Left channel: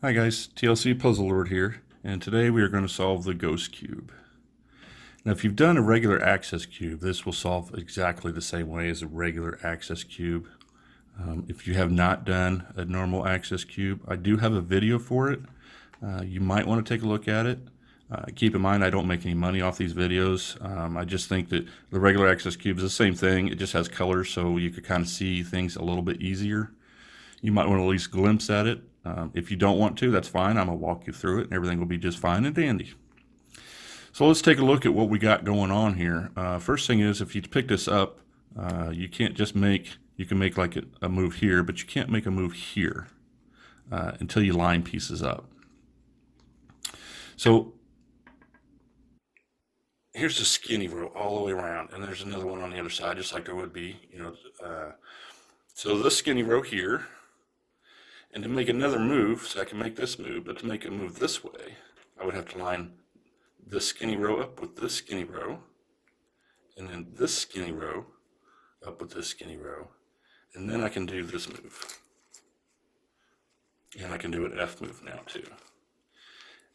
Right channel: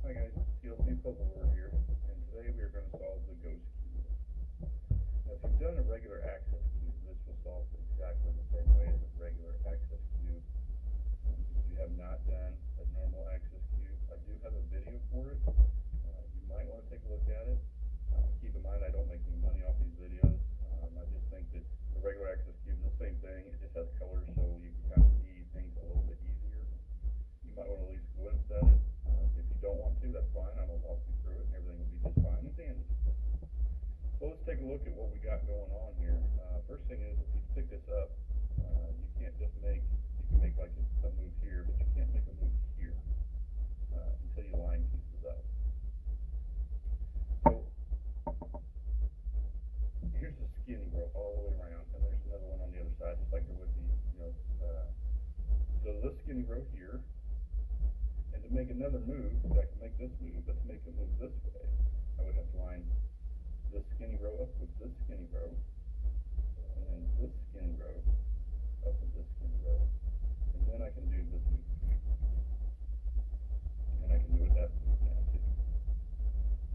Hi guys, TLC Puzzle Lord here, and today we are going to solve the ghost cube. Now if you've done a regular access cube, this will solve exactly the same way as a regular access cube. If you have not done a normal access cube, I do have a video for it. You might want to take a look at it. Keep in mind I don't make any money off these videos. I just think that the regular access cube is the same thing, it just has colors so you could kind of see things a little bit easier. You might want to at least glimpse at it. If you don't want to, that's fine. I'm going to walk you through it and everything will be just fine and dandy. So let's take a look at what we got going on here. First thing is, if you pick this up, you can't just you can make like a move here, but you can't make a move here until you line pieces up. So here's the skinny row all the way around, and there's another one on the other side, just like there would be, so this skinny row here, and to make another move, so I can make this move, but to make a move this way, I would have to line this skinny row up with this skinny row, and then this skinny row up with this skinny row, and then I can do this move. And I can do an F move now too.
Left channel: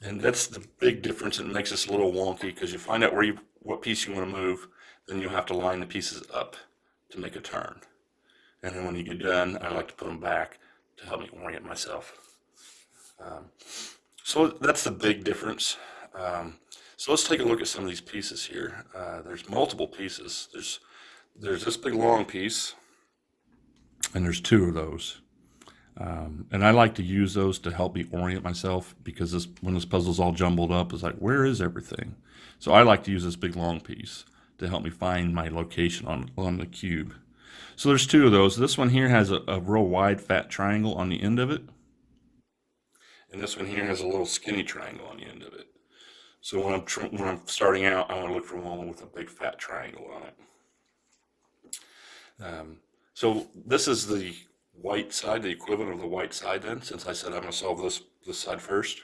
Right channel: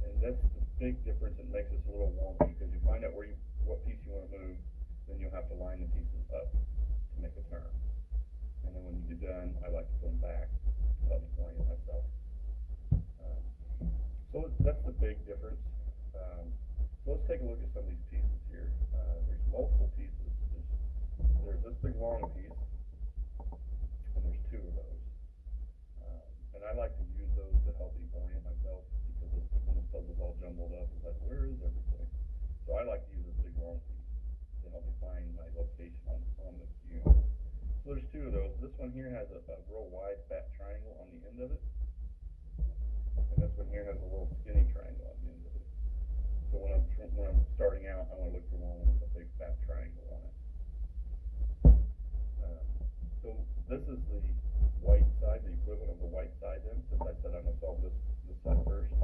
And that's the big difference. It makes this a little wonky because you find out what piece you want to move, then you have to line the pieces up to make a turn. And then when you get done, I like to put them back to help me orient myself. So that's the big difference. So let's take a look at some of these pieces here. There's multiple pieces. There's this big long piece, and there's two of those. And I like to use those to help me orient myself because when this puzzle's all jumbled up, it's like, where is everything? So I like to use this big long piece to help me find my location on the cube. So there's two of those. This one here has a real wide fat triangle on the end of it. And this one here has a little skinny triangle on the end of it. So when I'm starting out, I want to look for one with a big fat triangle on it. So this is the white side, the equivalent of the white side then, since I said I'm going to solve this side first.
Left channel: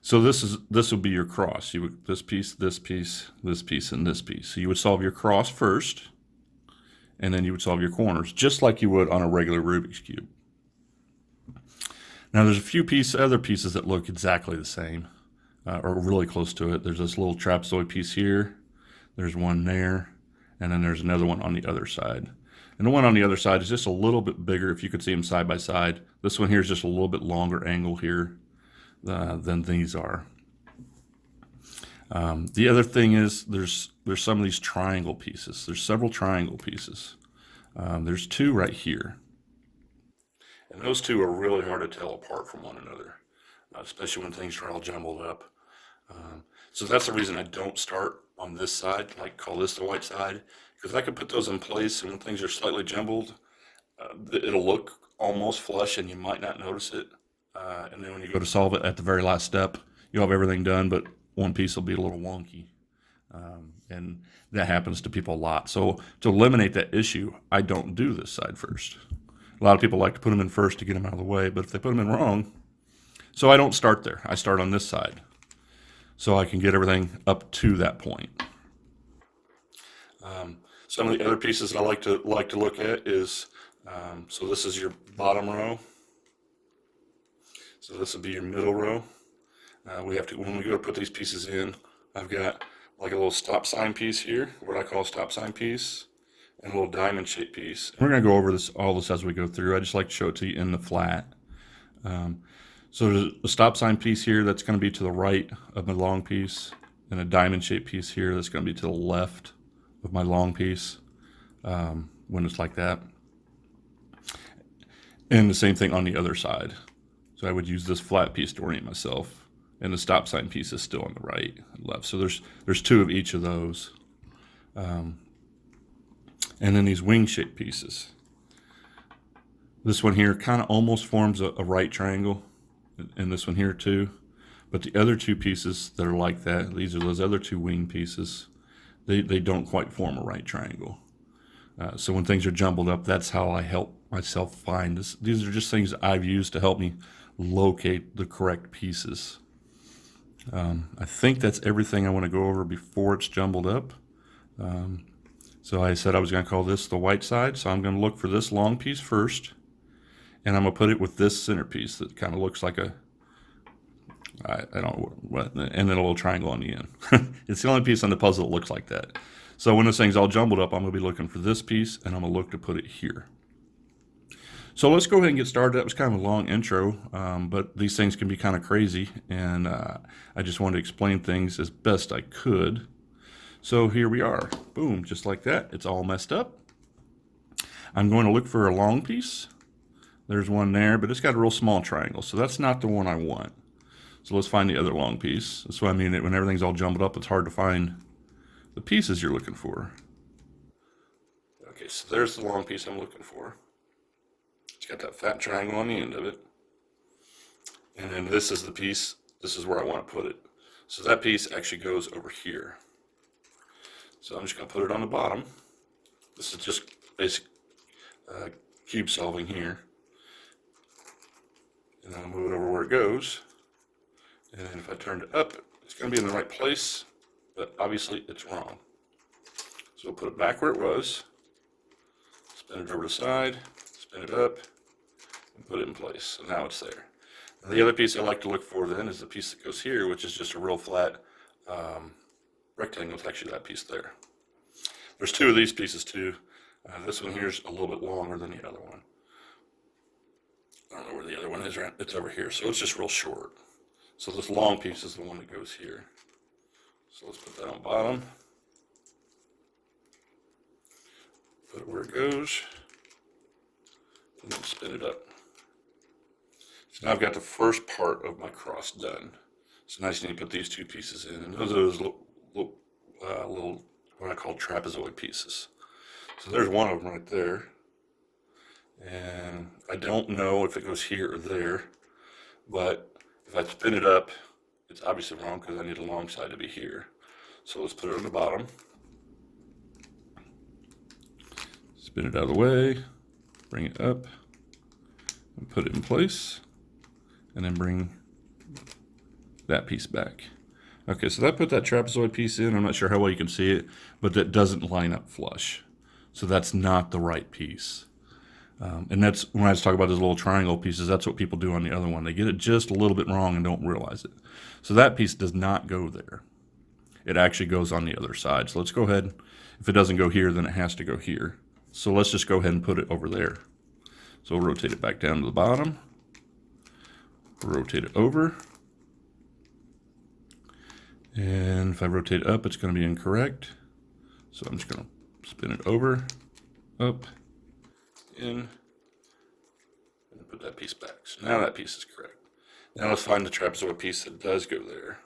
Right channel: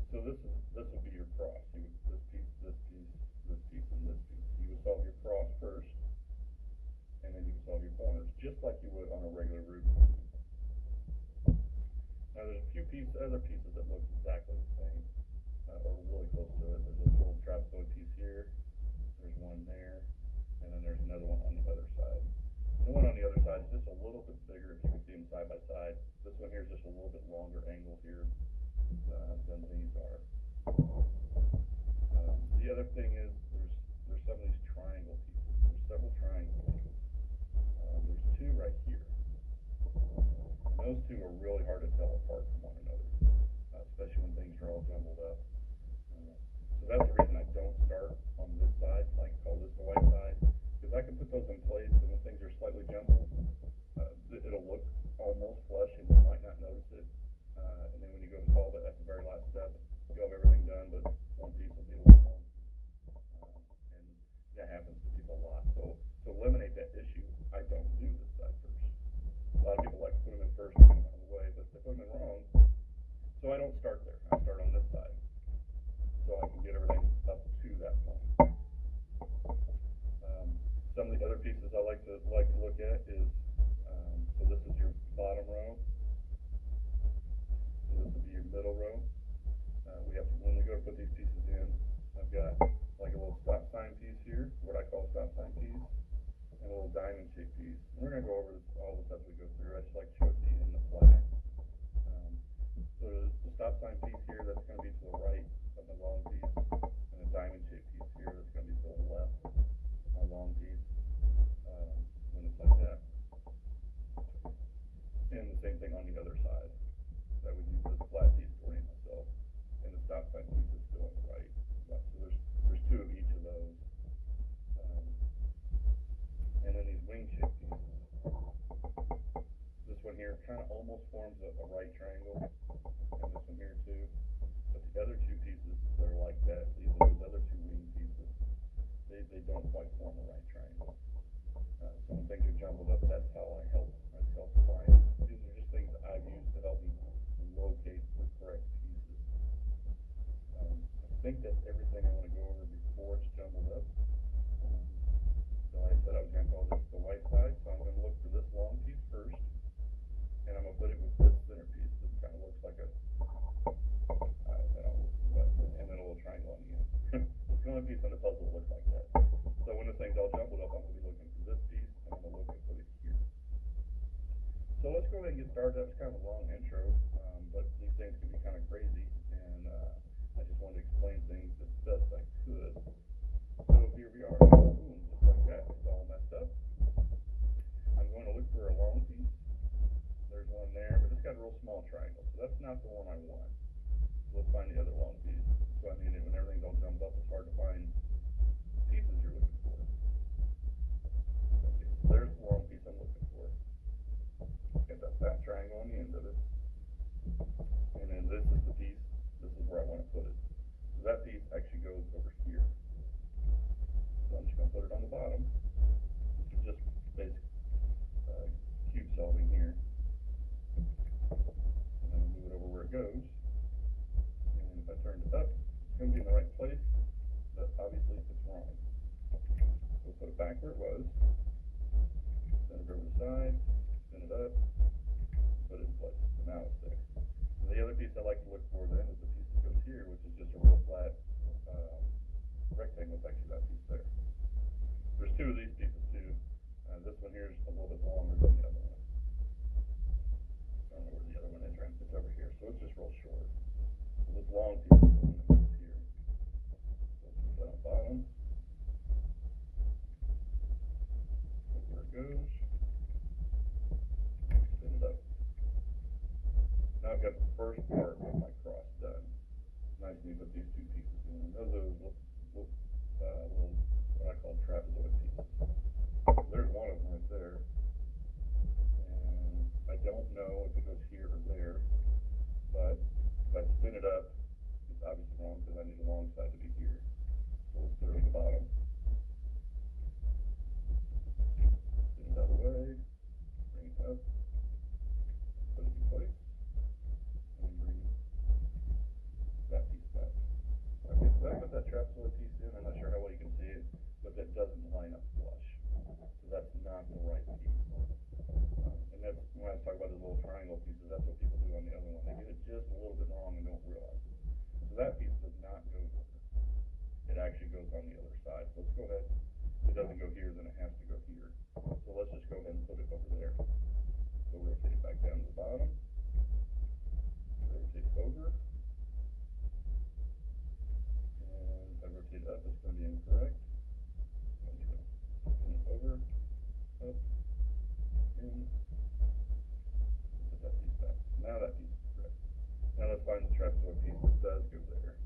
So this would be your cross. You would this piece, this piece, this piece, and this piece. So you would solve your cross first, and then you would solve your corners, just like you would on a regular Rubik's Cube. Now there's a few other pieces that look exactly the same, or really close to it. There's this little trapezoid piece here, there's one there, and then there's another one on the other side. And the one on the other side is just a little bit bigger if you could see them side by side. This one here is just a little bit longer angle here than these are. The other thing is there's some of these triangle pieces. There's several triangle pieces. There's two right here. And those two are really hard to tell apart from one another, especially when things are all jumbled up. So that's the reason I don't start on this side, like call this the white side, because I could put those in place and when things are slightly jumbled, it'll look almost flush and you might not notice it. And then when you go to solve it at the very last step, you'll have everything done, but one piece will be a little wonky. And that happens to people a lot. So to eliminate that issue, I don't do this side first. A lot of people like to put them in first to get them out of the way, but if they put them in wrong, so I don't start there. I start on this side so I can get everything up to that point. Some of the other pieces I like to look at is, so this is your bottom row. So this will be your middle row. When we go to put these pieces in, I've got like a little stop sign piece here, what I call a stop sign piece, and a little diamond shaped piece. We're going to go over all this as we go through. I just like to show it to you in the flat. So there's a stop sign piece here that's going to be to the right of my long piece, and a diamond shaped piece here that's going to be to the left of my long piece when it's like that. And the same thing on the other side. So I would use this flat piece to orient myself, and the stop sign piece is still on the right and left. So there's two of each of those. And then these wing shaped pieces. This one here kind of almost forms a right triangle, and this one here too. But the other two pieces that are like that, these are those other two wing pieces, they don't quite form a right triangle. So when things are jumbled up, that's how I help myself find this. These are just things I've used to help me locate the correct pieces. I think that's everything I want to go over before it's jumbled up. So I said I was going to call this the white side, so I'm going to look for this long piece first, and I'm gonna put it with this centerpiece that kind of looks like a, I don't know what, and then a little triangle on the end. It's the only piece on the puzzle that looks like that. So when this thing's all jumbled up, I'm gonna be looking for this piece, and I'm gonna look to put it here. So let's go ahead and get started. That was kind of a long intro, but these things can be kind of crazy, and I just wanted to explain things as best I could. So here we are, boom, just like that. It's all messed up. I'm going to look for a long piece. There's one there, but it's got a real small triangle, so that's not the one I want. So let's find the other long piece. That's what I mean, when everything's all jumbled up, it's hard to find the pieces you're looking for. Okay, so there's the long piece I'm looking for. It's got that fat triangle on the end of it. And then this is the piece, this is where I want to put it. So that piece actually goes over here. So I'm just going to put it on the bottom. This is just basic cube solving here. And then I'll move it over where it goes. And then if I turned it up, it's going to be in the right place, but obviously it's wrong. So I'll put it back where it was, spin it over to the side, spin it up, and put it in place. So now it's there. Now the other piece I like to look for then is the piece that goes here, which is just a real flat rectangle. It's actually that piece there. There's two of these pieces too. This one here is a little bit longer than the other one. I don't know where the other one is, right? It's over here. So it's just real short. So this long piece is the one that goes here. So let's put that on bottom. Put it where it goes. And then spin it up. So now I've got the first part of my cross done. So now I just need to put these two pieces in. And those are those little what I call trapezoid pieces. So there's one of them right there. And I don't know if it goes here or there, but if I spin it up, it's obviously wrong because I need a long side to be here. So let's put it on the bottom. Spin it out of the way, bring it up, and put it in place, and then bring that piece back. Okay, so that put that trapezoid piece in. I'm not sure how well you can see it, but that doesn't line up flush. So that's not the right piece. And that's when I was talking about those little triangle pieces, that's what people do on the other one. They get it just a little bit wrong and don't realize it. So that piece does not go there. It actually goes on the other side. So let's go ahead. If it doesn't go here, then it has to go here. So let's just go ahead and put it over there. So we'll rotate it back down to the bottom. Rotate it over. And if I rotate it up, it's going to be incorrect. So I'm just going to spin it over, up, in, and put that piece back. So now that piece is correct. Now let's find the trapezoid piece that does go there.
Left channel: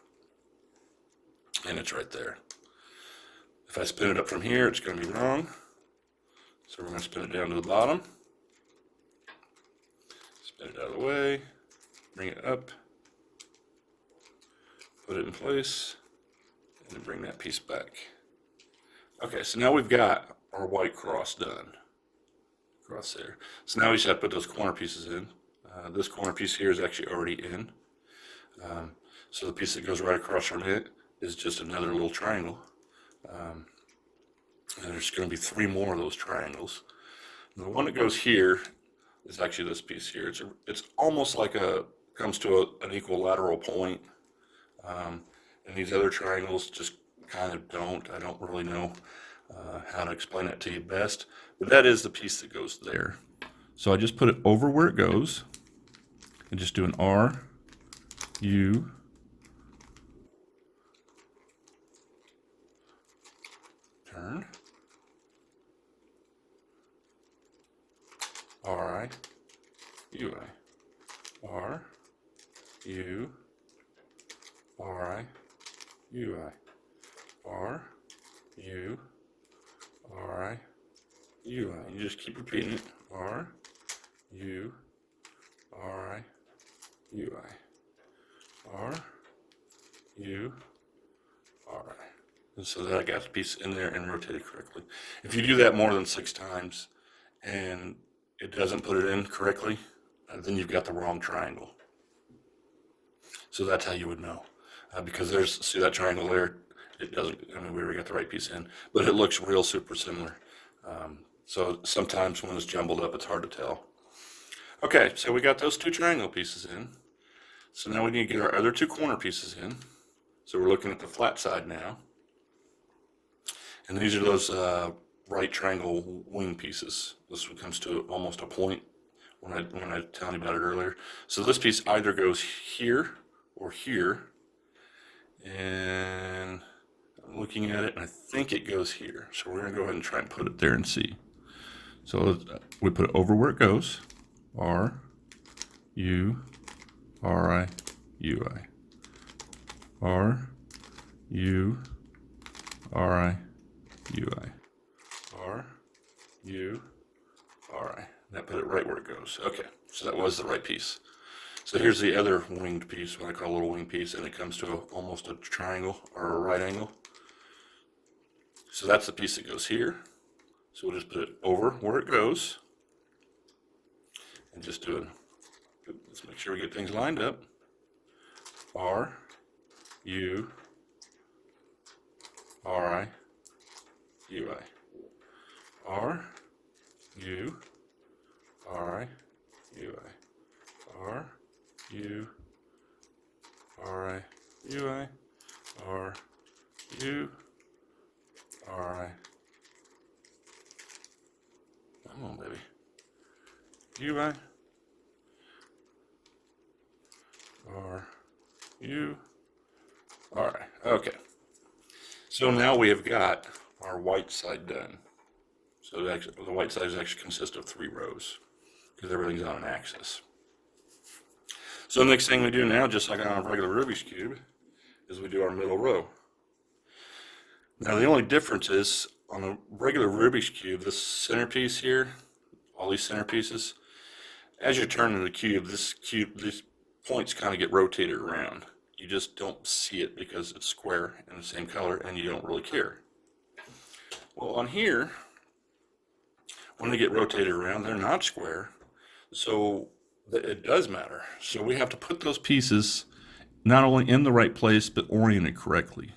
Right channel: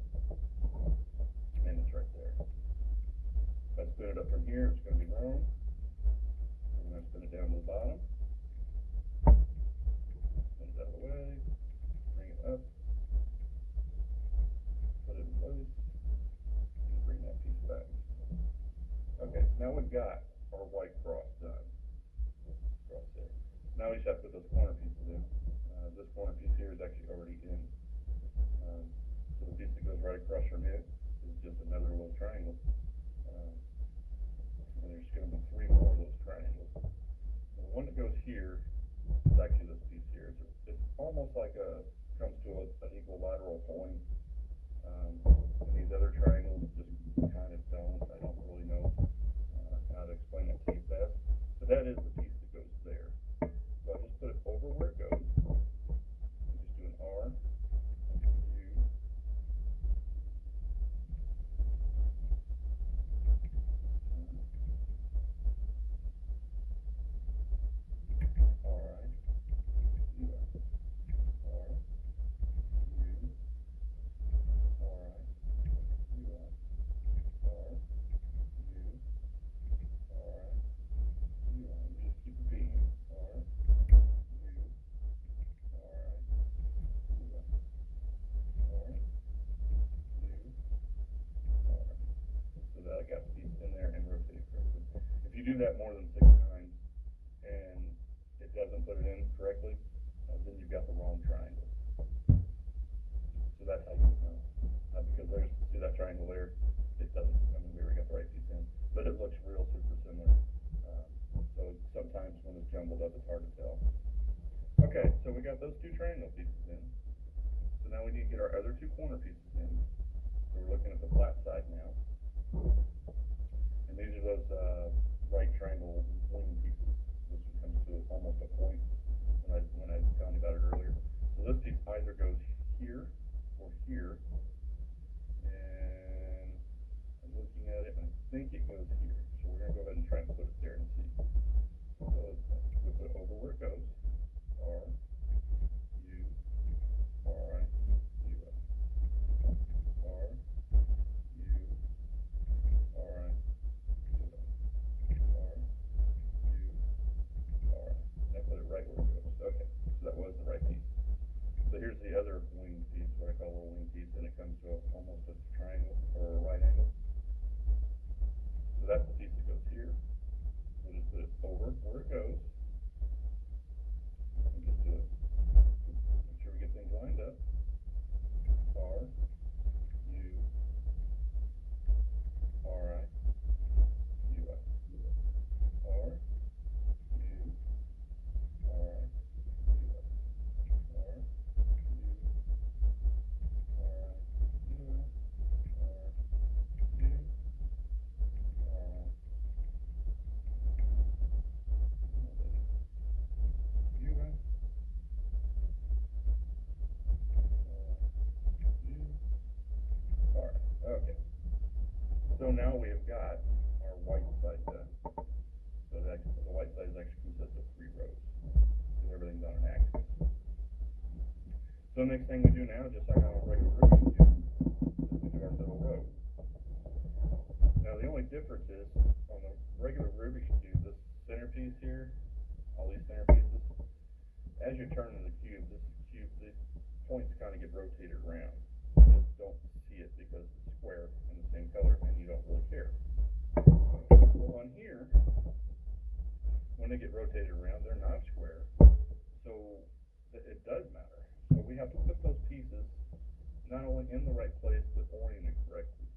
And it's right there. If I spin it up from here, it's going to be wrong. So we're going to spin it down to the bottom. Spin it out of the way. Bring it up. Put it in place. And then bring that piece back. Okay, so now we've got our white cross done. Cross there. So now we just have to put those corner pieces in. This corner piece here is actually already in. So the piece that goes right across from it is just another little triangle. And there's going to be 3 more of those triangles. And the one that goes here is actually this piece here. It's almost like comes to an equilateral point. And these other triangles just kind of don't. I don't really know how to explain that to you best. But that is the piece that goes there. So I just put it over where it goes and just do an R, U, turn, R, I, U, I, R, U, R, I, U, I, R, U, R, I, U, I. You just keep repeating it. R, U, R, I, U, I. R, U, R, I. And so that I got the piece in there and rotated correctly. If you do that more than 6 times and it doesn't put it in correctly, then you've got the wrong triangle. So that's how you would know. Because see that triangle there? It doesn't, I mean, we already got the right piece in, but it looks real super similar. So sometimes when it's jumbled up, it's hard to tell. Okay, so we got those two triangle pieces in. So now we need to get our other two corner pieces in. So we're looking at the flat side now. And these are those right triangle wing pieces. This one comes to almost a point when I was telling you about it earlier. So this piece either goes here or here. And I'm looking at it and I think it goes here. So we're gonna go ahead and try and put it there and see. So we put it over where it goes. R, U, R, I, U, I. R, U, R, I, U, I. R, U, R, I. That put it right where it goes. Okay, so that was the right piece. So here's the other winged piece, what I call a little wing piece, and it comes to almost a triangle or a right angle. So that's the piece that goes here. So we'll just put it over where it goes and just do it. Let's make sure we get things lined up. R, U, R, I, U, I. R, U, R, I, U, I. R, U, R, I, U, I. R, U, R, I. Come on, baby. U, I. R, U, R, I. Okay. So now we have got our white side done. So the white side actually consists of 3 rows because everything's on an axis. So the next thing we do now, just like on a regular Rubik's Cube, is we do our middle row. Now the only difference is on a regular Rubik's Cube, this centerpiece here, all these centerpieces, as you're turning the cube, these points kind of get rotated around. You just don't see it because it's square and the same color and you don't really care. Well, on here, when they get rotated around, they're not square, so it does matter. So we have to put those pieces not only in the right place, but oriented correctly.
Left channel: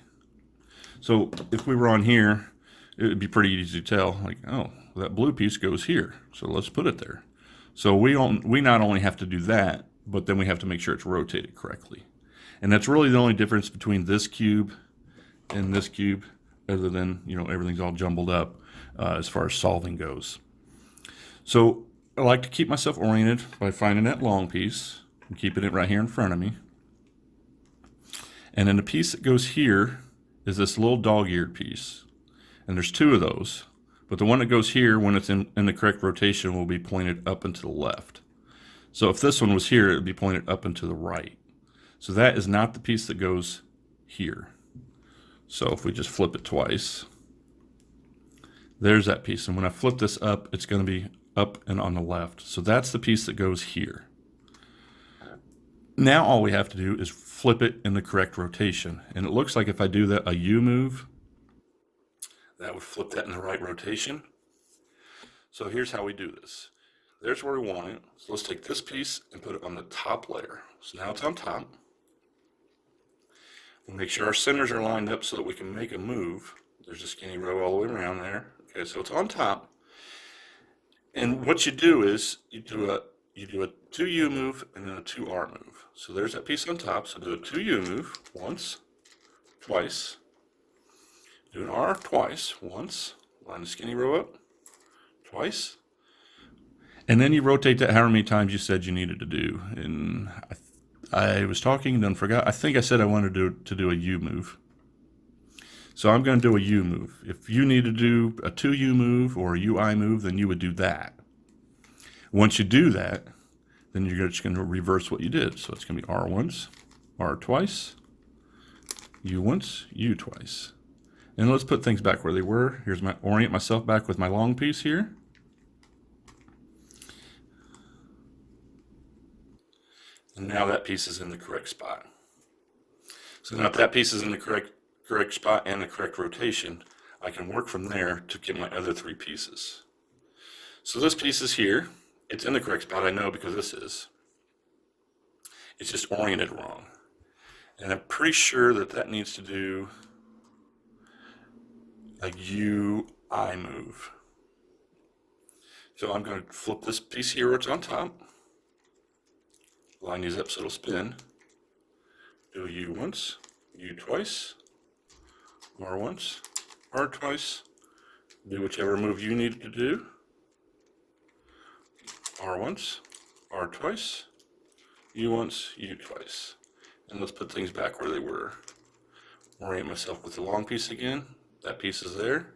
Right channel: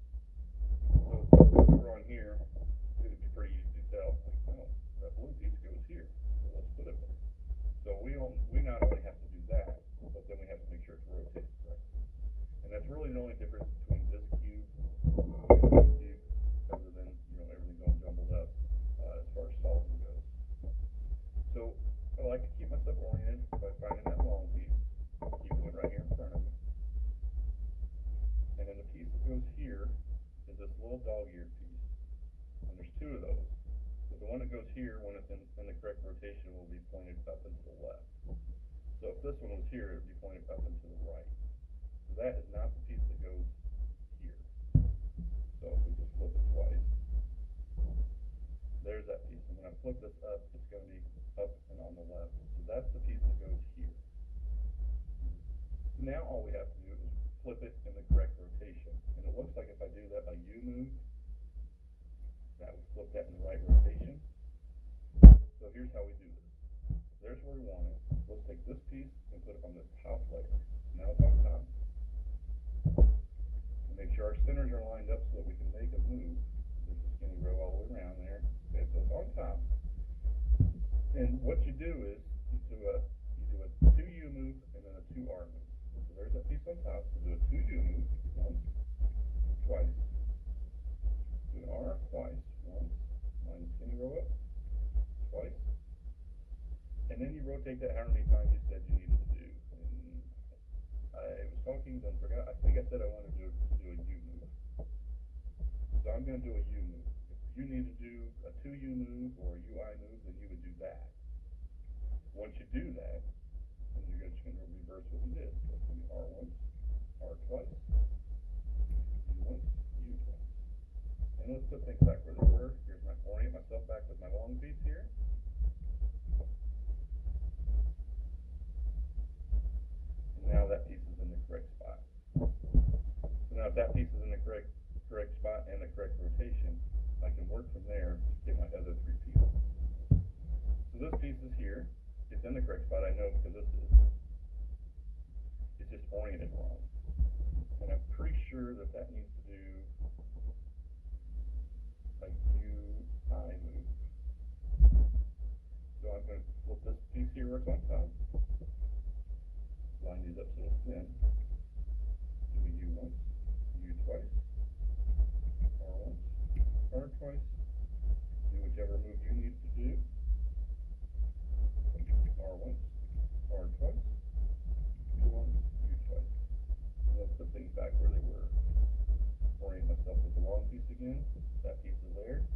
So if we were on here, it would be pretty easy to tell, like, oh, that blue piece goes here, so let's put it there. So we not only have to do that, but then we have to make sure it's rotated correctly. And that's really the only difference between this cube and this cube, other than, you know, everything's all jumbled up as far as solving goes. So I like to keep myself oriented by finding that long piece, and keeping it right here in front of me. And then the piece that goes here is this little dog-eared piece. And there's 2 of those. But the one that goes here, when it's in the correct rotation, will be pointed up and to the left. So if this one was here, it would be pointed up and to the right. So that is not the piece that goes here. So if we just flip it twice, there's that piece. And when I flip this up, it's going to be up and on the left. So that's the piece that goes here. Now all we have to do is flip it in the correct rotation. And it looks like if I do that, a U move, that would flip that in the right rotation. So here's how we do this. There's where we want it. So let's take this piece and put it on the top layer. So now it's on top. We'll make sure our centers are lined up so that we can make a move. There's a skinny row all the way around there. Okay, so it's on top. And what you do is you do a 2U move and then a 2R move. So there's that piece on top. So do a 2U move once, twice. Do an R twice, once. Line the skinny row up, twice. And then you rotate that however many times you said you needed to do. And I was talking and then forgot. I think I said I wanted to do a U move. So I'm going to do a U move. If you need to do a 2U move or a UI move, then you would do that. Once you do that, then you're just going to reverse what you did. So it's going to be R once, R twice, U once, U twice. And let's put things back where they were. Here's my orient myself back with my long piece here. And now that piece is in the correct spot. So now if that piece is in the correct spot and the correct rotation, I can work from there to get my other 3 pieces. So this piece is here. It's in the correct spot, I know, because this is. It's just oriented wrong. And I'm pretty sure that needs to do a UI move. So I'm going to flip this piece here where it's on top. line these up so it'll spin. Do U once, U twice, R once, R twice. Do whichever move you need to do. R once, R twice, U once, U twice. And let's put things back where they were. Orient myself with the long piece again. That piece is there.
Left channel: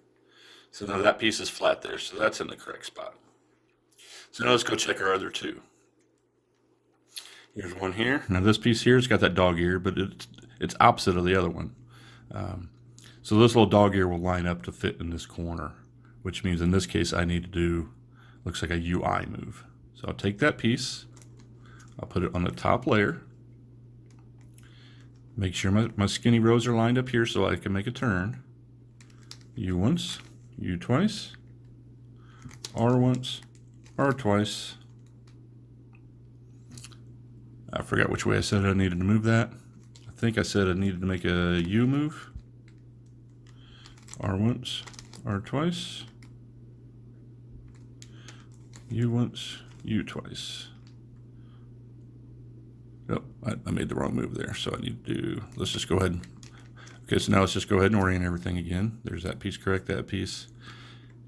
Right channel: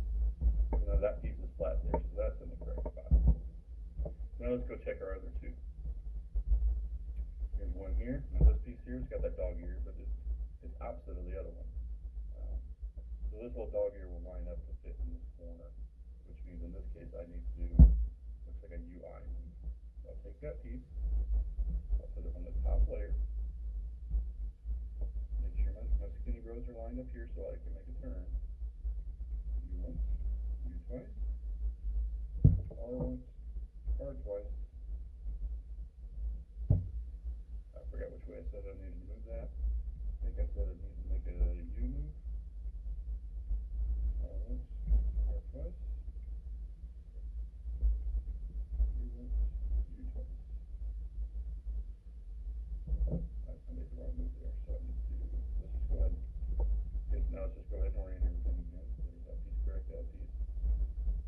So now that piece is flat there, so that's in the correct spot. So now let's go check our other two. Here's one here. Now this piece here has got that dog ear, but it's opposite of the other one. So this little dog ear will line up to fit in this corner, which means in this case I need to do, looks like a UI move. So I'll take that piece, I'll put it on the top layer, make sure my skinny rows are lined up here so I can make a turn. U once, U twice, R once, R twice. I forgot which way I said I needed to move that. I think I said I needed to make a U move. R once, R twice, U once, U twice. Oh, I made the wrong move there, so I need to do, let's just go ahead. Okay, so now let's just go ahead and orient everything again. There's that piece, correct that piece.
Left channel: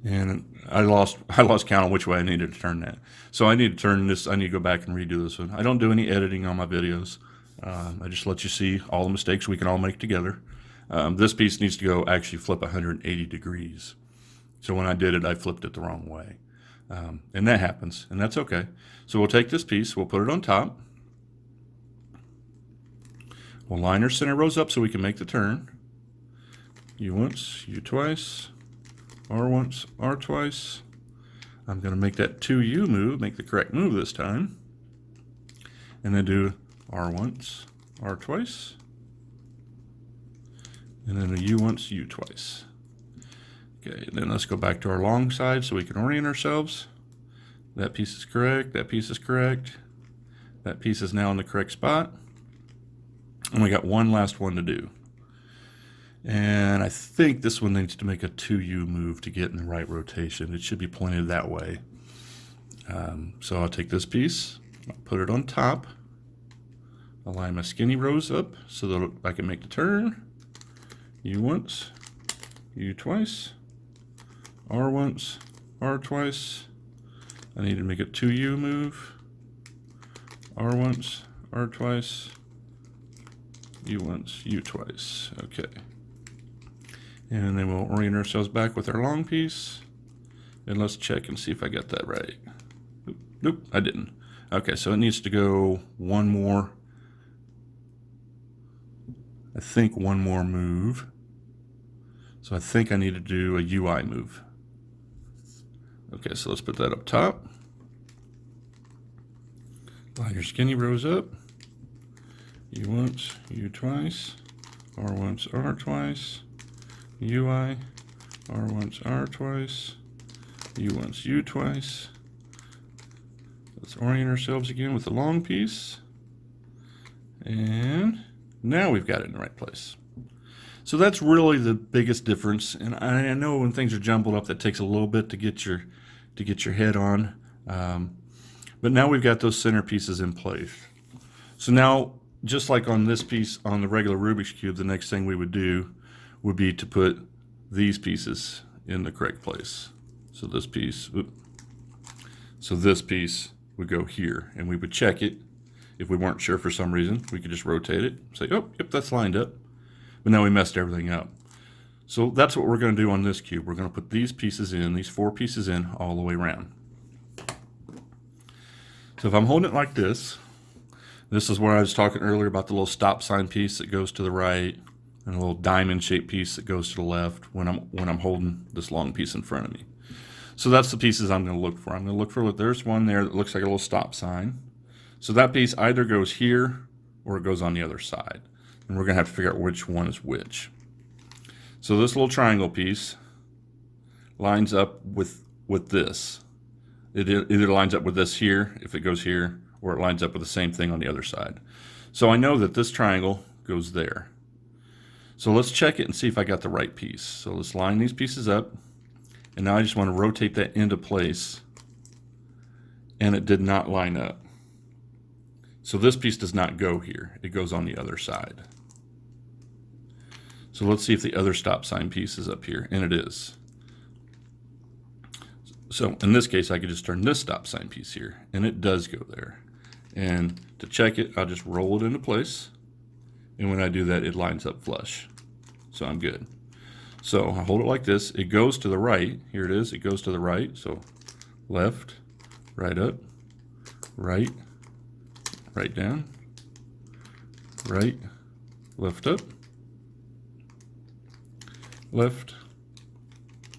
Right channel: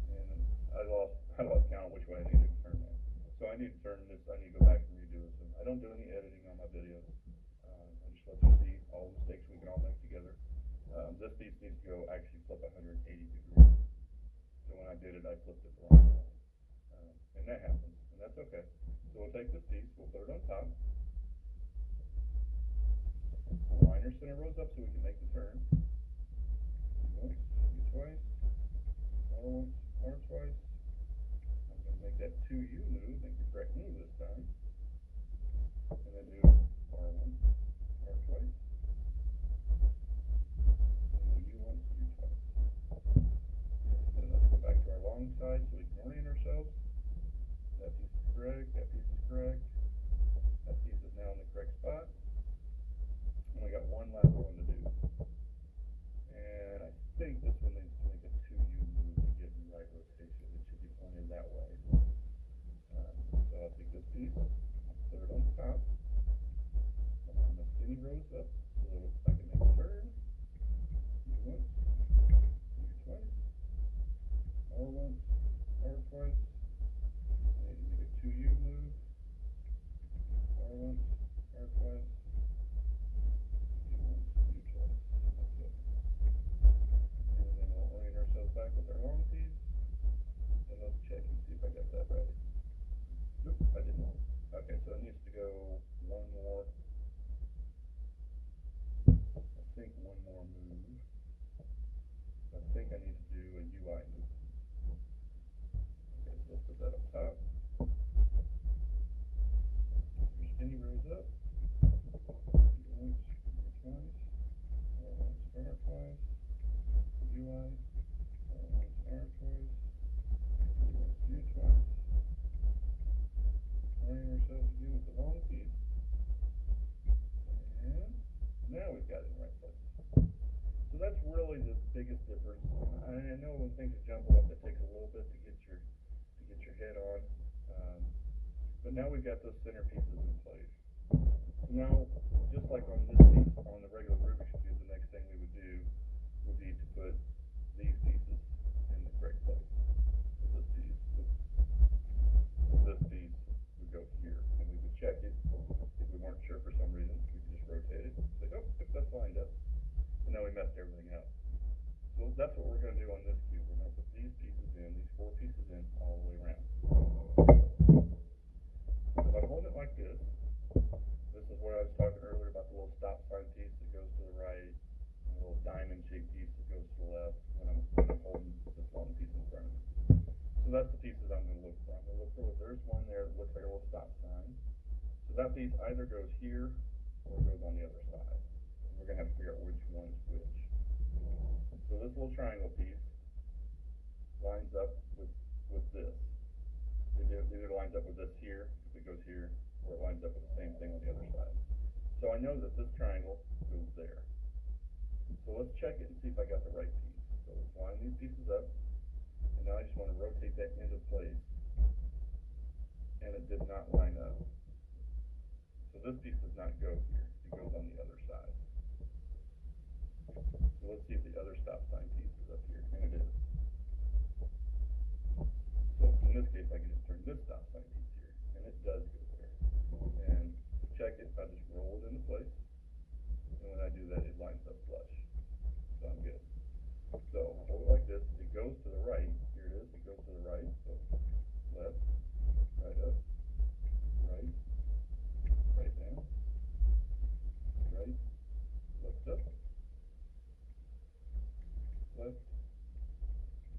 And I lost count on which way I needed to turn that. So I need to turn this, I need to go back and redo this one. I don't do any editing on my videos. I just let you see all the mistakes we can all make together. This piece needs to go actually flip 180 degrees. So when I did it, I flipped it the wrong way. And that happens, and that's okay. So we'll take this piece, we'll put it on top. We'll line our center rows up so we can make the turn. U once, U twice, R once, R twice. I'm going to make that 2U move, make the correct move this time. And then do R once, R twice. And then a U once, U twice. Okay, then let's go back to our long side so we can orient ourselves. That piece is correct, that piece is correct. That piece is now in the correct spot. And we got one last one to do. And I think this one needs to make a 2U move to get in the right rotation. It should be pointed that way. So I'll take this piece, I'll put it on top, I'll line my skinny rows up so that I can make the turn. U once, U twice, R once, R twice. I need to make a 2U move. R once, R twice, U once, U twice. Okay. And then we'll orient ourselves back with our long piece. And let's check and see if I got that right. Nope, I didn't. Okay, so it needs to go one more, I think one more move. So I think I need to do a UI move. Okay, so let's put that up top. Line your skinny rows up. U once, U twice, R once, R twice, UI, R once, R twice, U once, U twice. Let's orient ourselves again with the long piece. And now we've got it in the right place. So that's really the biggest difference. And I know when things are jumbled up, that takes a little bit to get your head on. But now we've got those center pieces in place. So now, just like on this piece on the regular Rubik's Cube, the next thing we would do would be to put these pieces in the correct place. So this piece, so this piece would go here, and we would check it. If we weren't sure for some reason, we could just rotate it, say, oh, yep, that's lined up. But now we messed everything up. So that's what we're going to do on this cube. We're going to put these pieces in, these 4 pieces in, all the way around. So if I'm holding it like this, this is where I was talking earlier about the little stop sign piece that goes to the right, and a little diamond shaped piece that goes to the left when I'm holding this long piece in front of me. So that's the pieces I'm going to look for. I'm going to look for, there's one there that looks like a little stop sign. So that piece either goes here or it goes on the other side. And we're going to have to figure out which one is which. So this little triangle piece lines up with this. It either lines up with this here, if it goes here, or it lines up with the same thing on the other side. So I know that this triangle goes there. So let's check it and see if I got the right piece. So let's line these pieces up. And now I just want to rotate that into place. And it did not line up. So this piece does not go here. It goes on the other side. So let's see if the other stop sign piece is up here, and it is. So in this case, I could just turn this stop sign piece here, and it does go there. And to check it, I'll just roll it into place. And when I do that, it lines up flush. So I'm good. So I hold it like this. It goes to the right. Here it is. It goes to the right. So left, right up, right, right down, right, left up, left,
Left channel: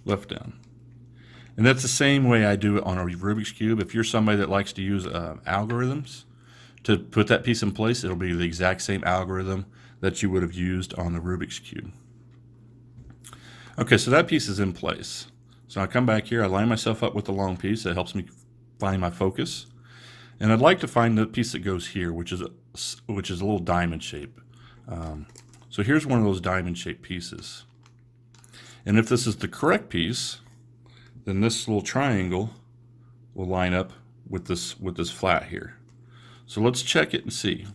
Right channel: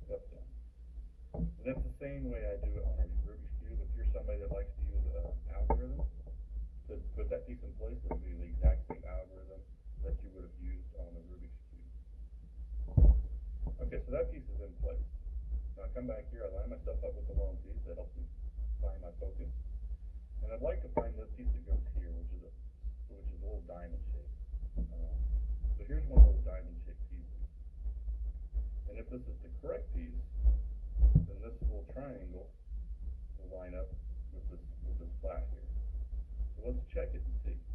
left down. And that's the same way I do it on a Rubik's Cube. If you're somebody that likes to use algorithms to put that piece in place, it'll be the exact same algorithm that you would have used on the Rubik's Cube. Okay, so that piece is in place. So I come back here, I line myself up with the long piece. That helps me find my focus. And I'd like to find the piece that goes here, which is a little diamond shape. So here's one of those diamond shaped pieces. And if this is the correct piece, then this little triangle will line up with this flat here. So let's check it and see.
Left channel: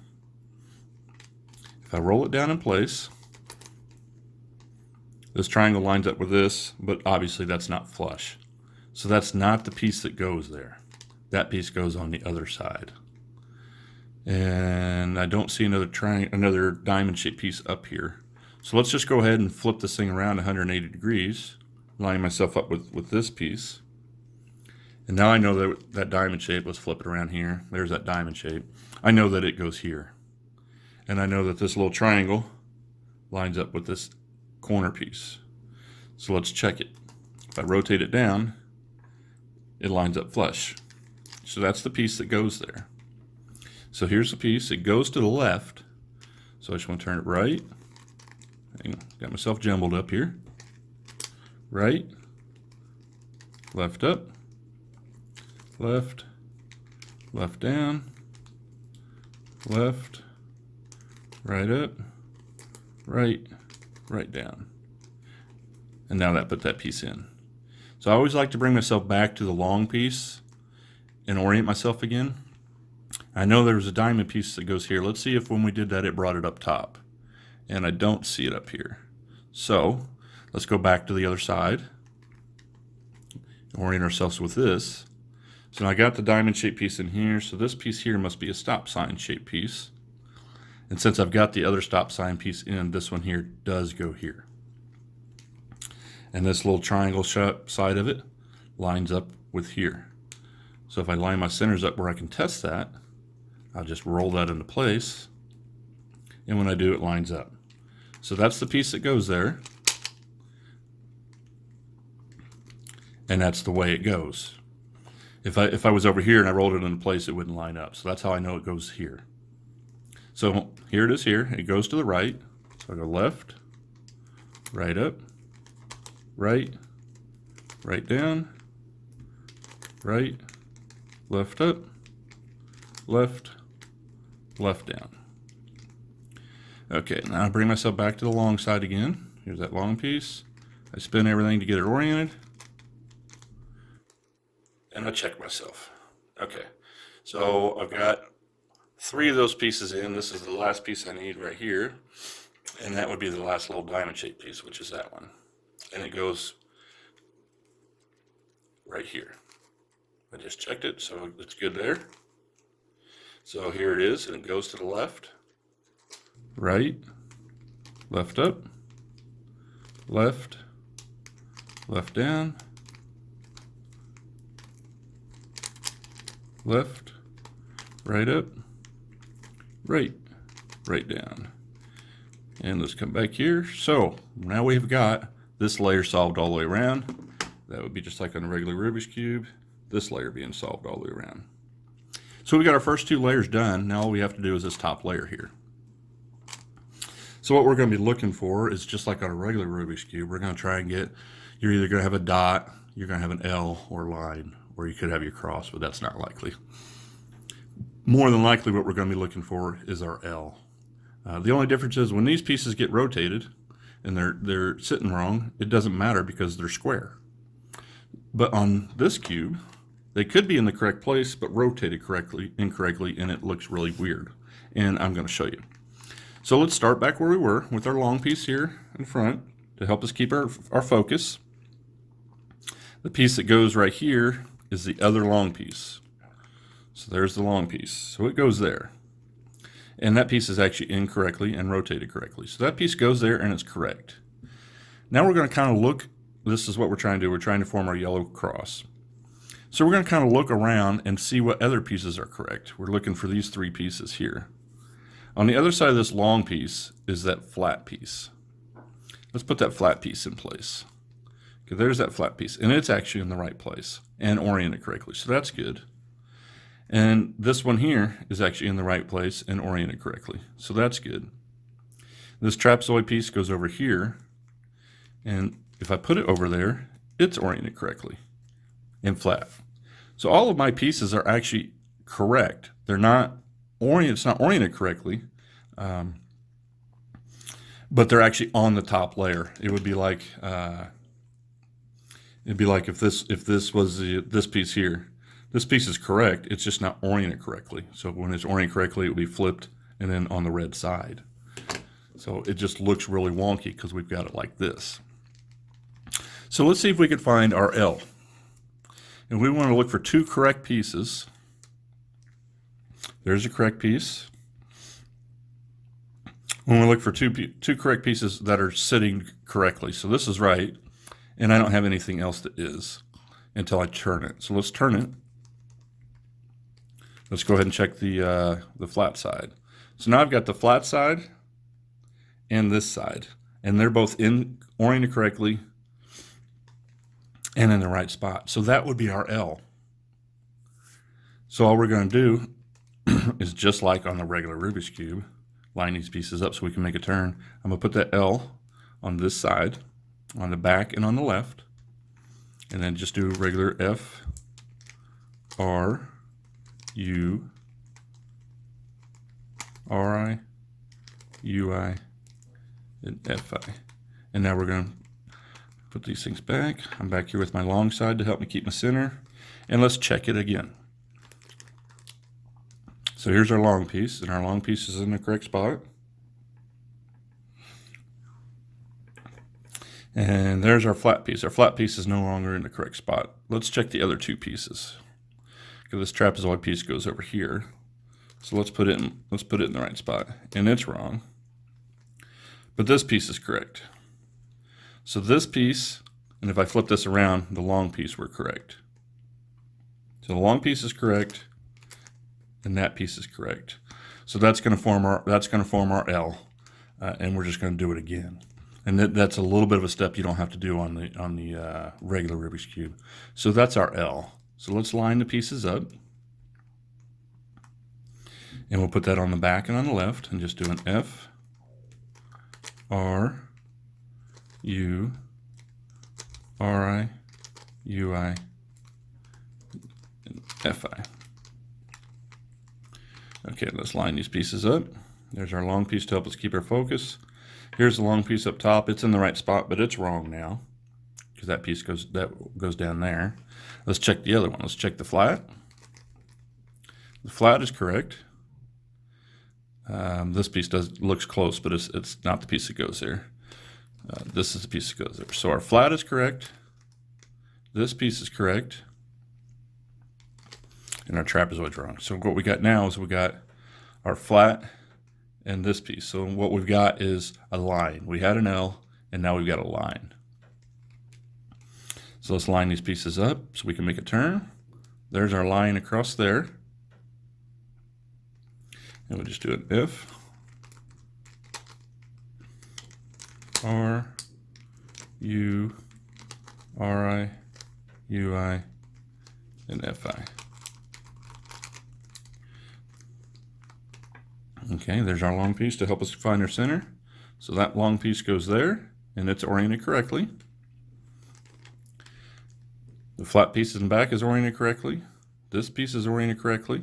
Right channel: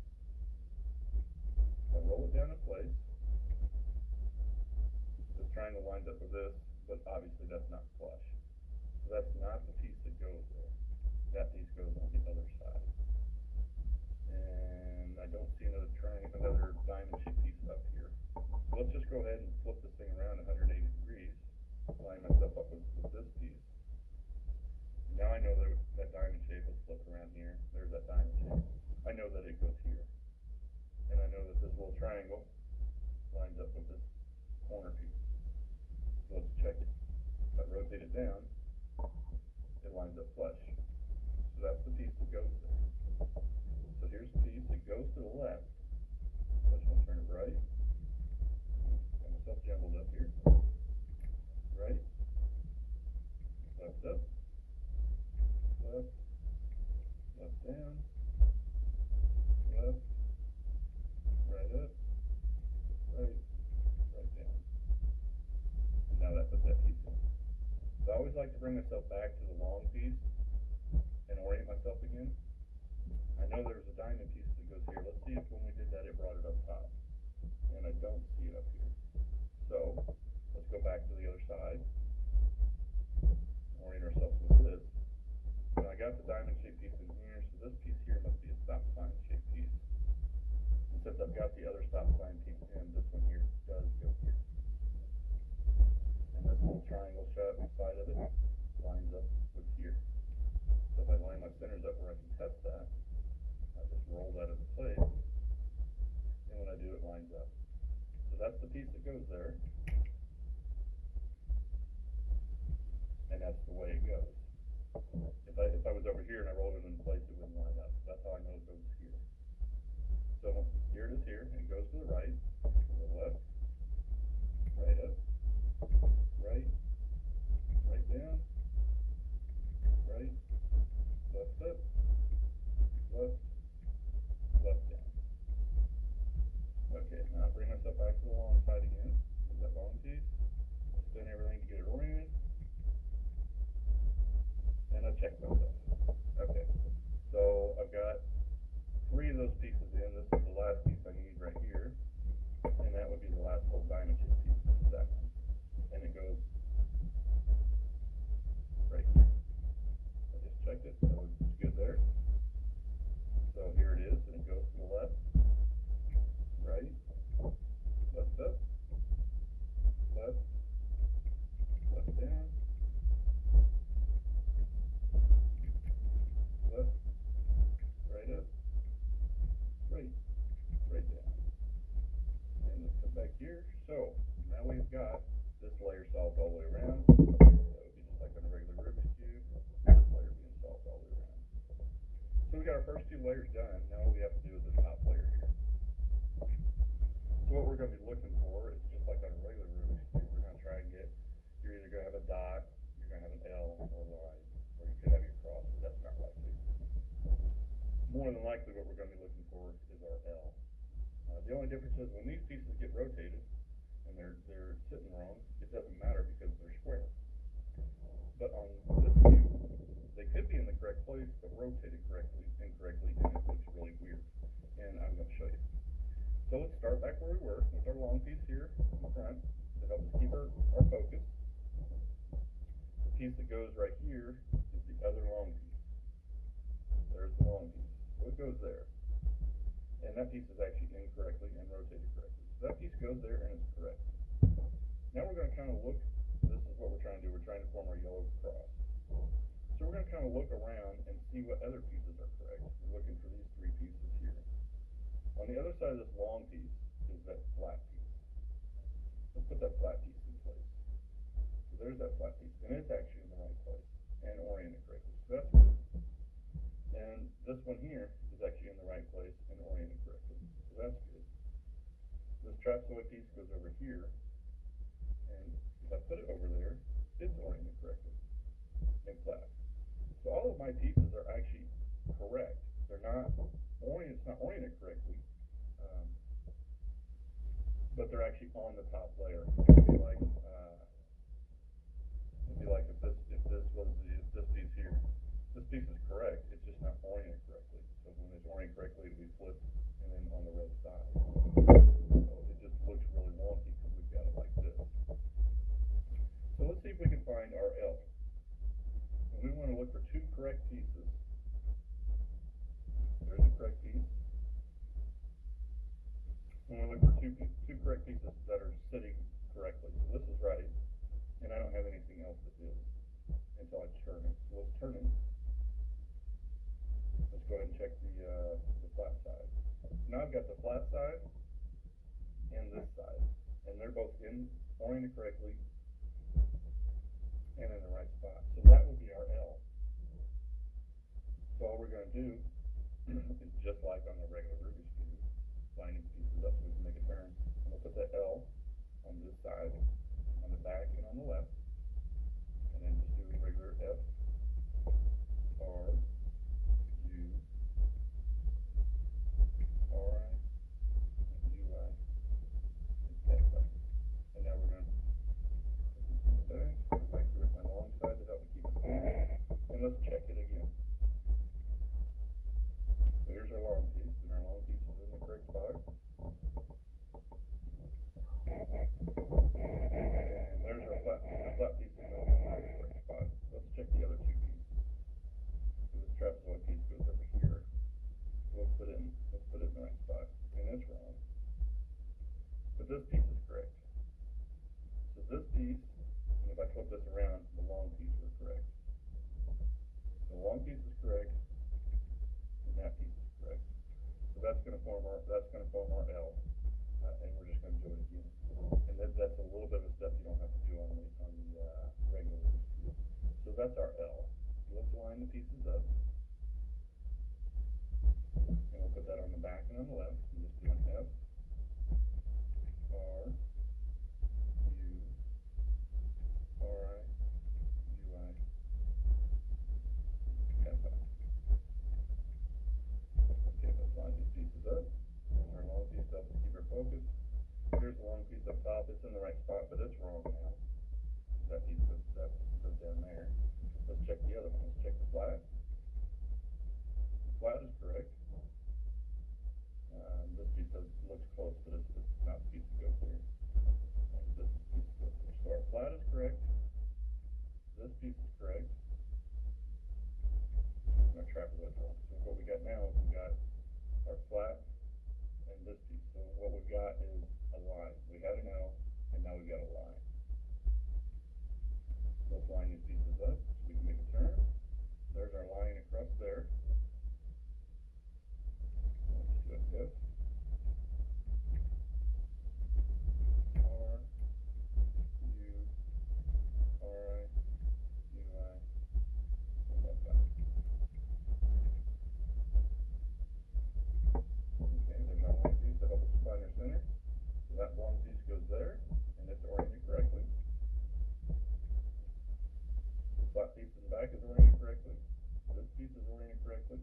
If I roll it down in place, this triangle lines up with this, but obviously that's not flush. So that's not the piece that goes there. That piece goes on the other side. And I don't see another diamond shaped piece up here. So let's just go ahead and flip this thing around 180 degrees, lining myself up with this piece. And now I know that that diamond shape, let's flip it around here. There's that diamond shape. I know that it goes here. And I know that this little triangle lines up with this corner piece. So let's check it. If I rotate it down, it lines up flush. So that's the piece that goes there. So here's the piece. It goes to the left. So I just want to turn it right. Got myself jumbled up here. Right, left up, left, left down, left, right up, right, right down. And now that put that piece in. So I always like to bring myself back to the long piece and orient myself again. I know there's a diamond piece that goes here. Let's see if when we did that it brought it up top. And I don't see it up here. So let's go back to the other side. Orient ourselves with this. So now I got the diamond shaped piece in here. So this piece here must be a stop sign shaped piece. And since I've got the other stop sign piece in, this one here does go here. And this little triangle side of it lines up with here. So if I line my centers up where I can test that, I'll just roll that into place. And when I do, it lines up. So that's the piece that goes there. And that's the way it goes. If I was over here and I rolled it into place, it wouldn't line up. So that's how I know it goes here. So here it is here. It goes to the right. So I go left, right up, right, right down, right, left up, left, left down. Okay, now I bring myself back to the long side again. Here's that long piece. I spin everything to get it oriented. And I check myself. Okay, so I've got 3 of those pieces in. This is the last piece I need right here. And that would be the last little diamond shaped piece, which is that one. And it goes right here. I just checked it, so it's good there. So here it is, and it goes to the left, right, left up, left, left down, left, right up, right, right down. And let's come back here. So now we've got this layer solved all the way around. That would be just like on a regular Rubik's Cube, this layer being solved all the way around. So we got our first 2 layers done. Now all we have to do is this top layer here. So what we're going to be looking for is just like on a regular Rubik's Cube, we're going to try and get, you're either going to have a dot, you're going to have an L or line, or you could have your cross, but that's not likely. More than likely what we're going to be looking for is our L. The only difference is when these pieces get rotated and they're sitting wrong, it doesn't matter because they're square. But on this cube, They could be in the correct place, but rotated incorrectly, and it looks really weird. And I'm going to show you. So let's start back where we were with our long piece here in front to help us keep our focus. The piece that goes right here is the other long piece. So there's the long piece. So it goes there. And that piece is actually incorrectly and rotated correctly. So that piece goes there and it's correct. Now we're going to kind of look, this is what we're trying to do. We're trying to form our yellow cross. So we're going to kind of look around and see what other pieces are correct. We're looking for these three pieces here. On the other side of this long piece is that flat piece. Let's put that flat piece in place. Okay, there's that flat piece, and it's actually in the right place and oriented correctly, so that's good. And this one here is actually in the right place and oriented correctly, so that's good. This trapezoid piece goes over here, and if I put it over there, it's oriented correctly and flat. So all of my pieces are actually correct. They're not oriented, it's not oriented correctly, but they're actually on the top layer. It would be like if this was this piece here. This piece is correct, it's just not oriented correctly. So when it's oriented correctly, it would be flipped and then on the red side. So it just looks really wonky because we've got it like this. So let's see if we can find our L. And we want to look for two correct pieces. There's a correct piece. When we look for two correct pieces that are sitting correctly. So this is right, and I don't have anything else that is until I turn it. So let's turn it. Let's go ahead and check the flat side. So now I've got the flat side and this side, and they're both oriented correctly and in the right spot. So that would be our L. So all we're going to do is just like on the regular Rubik's Cube, line these pieces up so we can make a turn. I'm going to put that L on this side, on the back and on the left, and then just do regular F, R, U, R, I, U, I, and F, I. And now we're going to put these things back. I'm back here with my long side to help me keep my center. And let's check it again. So here's our long piece, and our long piece is in the correct spot. And there's our flat piece. Our flat piece is no longer in the correct spot. Let's check the other two pieces. Okay, this trapezoid piece goes over here. So let's put it in the right spot. And it's wrong. But this piece is correct. So this piece, and if I flip this around, the long piece were correct. So the long piece is correct, and that piece is correct. So that's going to form our L, and we're just going to do it again. And that's a little bit of a step you don't have to do on the regular Rubik's Cube. So that's our L. So let's line the pieces up, and we'll put that on the back and on the left, and just do an F, R, U, R, I, U, I, and F, I. Okay, let's line these pieces up. There's our long piece to help us keep our focus. Here's the long piece up top. It's in the right spot, but it's wrong now because that piece goes down there. Let's check the other one. Let's check the flat. The flat is correct. This piece looks close, but it's not the piece that goes there. This is the piece that goes there. So our flat is correct. This piece is correct. And our trapezoid's wrong. So what we got now is we got our flat and this piece. So what we've got is a line. We had an L, and now we've got a line. So let's line these pieces up so we can make a turn. There's our line across there. And we'll just do an F, R, U, R, I, U, I, and F, I. Okay, there's our long piece to help us find our center. So that long piece goes there, and it's oriented correctly. The flat piece in the back is oriented correctly. This piece is oriented correctly.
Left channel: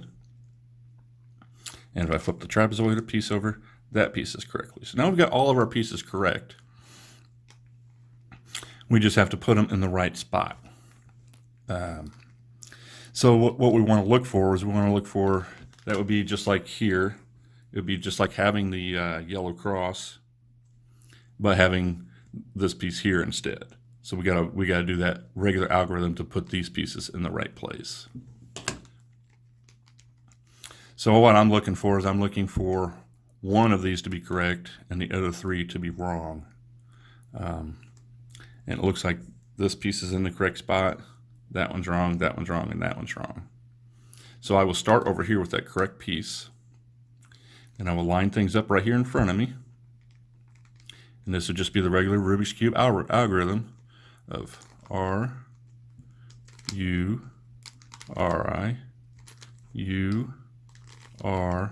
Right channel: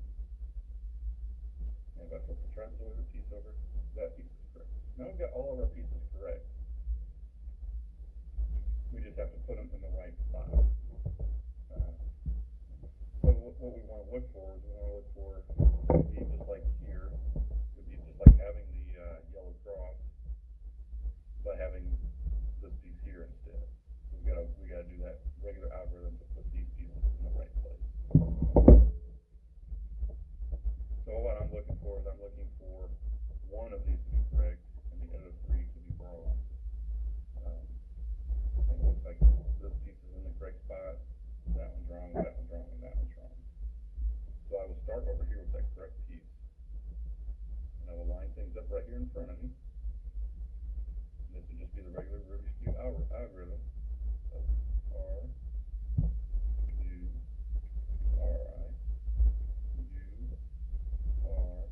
And if I flip the trapezoid piece over, that piece is correctly. So now we've got all of our pieces correct. We just have to put them in the right spot. So what we want to look for is we want to look for, that would be just like here. It would be just like having the yellow cross, but having this piece here instead. So we gotta do that regular algorithm to put these pieces in the right place. So what I'm looking for is I'm looking for one of these to be correct and the other three to be wrong. And it looks like this piece is in the correct spot, that one's wrong, that one's wrong, and that one's wrong. So I will start over here with that correct piece, and I will line things up right here in front of me. And this would just be the regular Rubik's Cube algorithm of R, U, RI, U, R,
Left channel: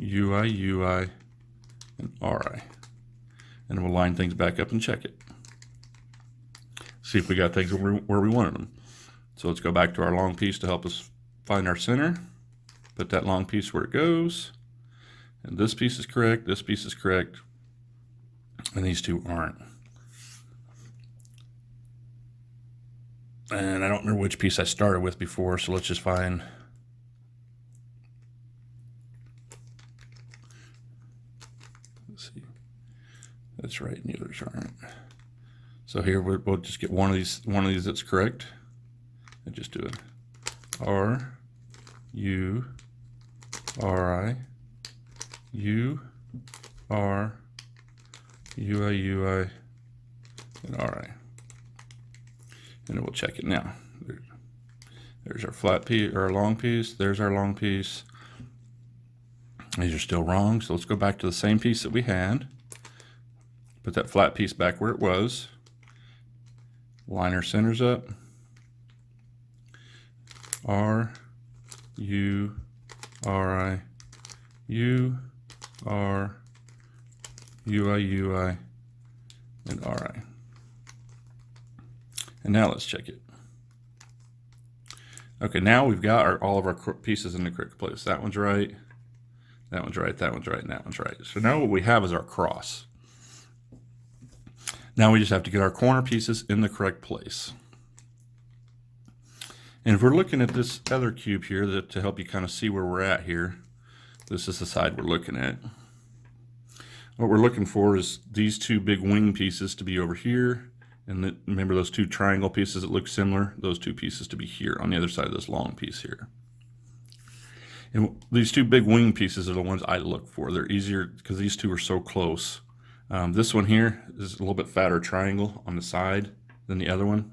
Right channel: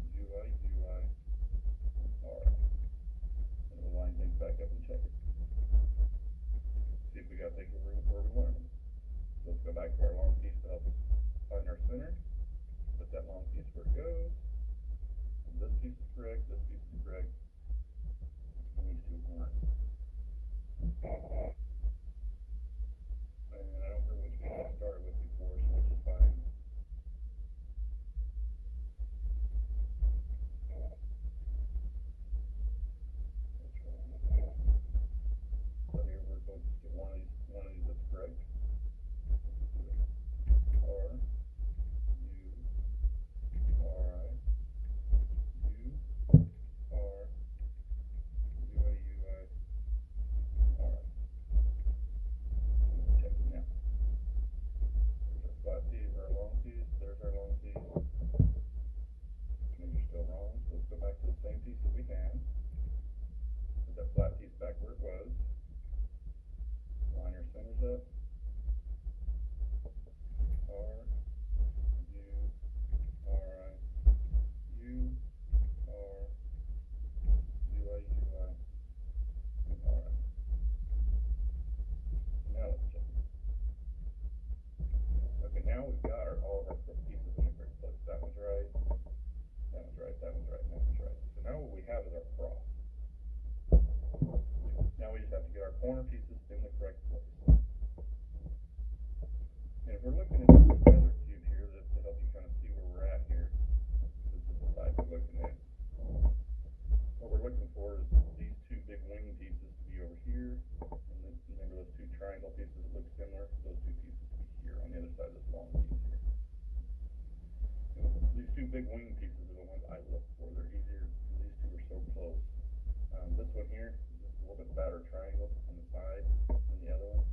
UI, UI, and RI. And we'll line things back up and check it. See if we got things where we wanted them. So let's go back to our long piece to help us find our center. Put that long piece where it goes. And this piece is correct, this piece is correct, and these two aren't. And I don't remember which piece I started with before, so let's just find. Let's see. That's right, and the others aren't. So here we'll just get one of these that's correct, and just do it. R, U, R, I, U, R, UI, UI, and RI. And then we'll check it now. There's our flat piece, or our long piece. There's our long piece. These are still wrong, so let's go back to the same piece that we had. Put that flat piece back where it was. Line our centers up. R, U, R, I, U, R, UI, UI, and RI. And now let's check it. Okay, now we've got all of our pieces in the correct place. That one's right, that one's right, that one's right, and that one's right. So now what we have is our cross. Now we just have to get our corner pieces in the correct place. And if we're looking at this other cube here, to help you kind of see where we're at here, this is the side we're looking at. What we're looking for is these two big wing pieces to be over here, and remember those two triangle pieces that look similar, those two pieces to be here on the other side of this long piece here. And these two big wing pieces are the ones I look for. They're easier because these two are so close. This one here is a little bit fatter triangle on the side than the other one,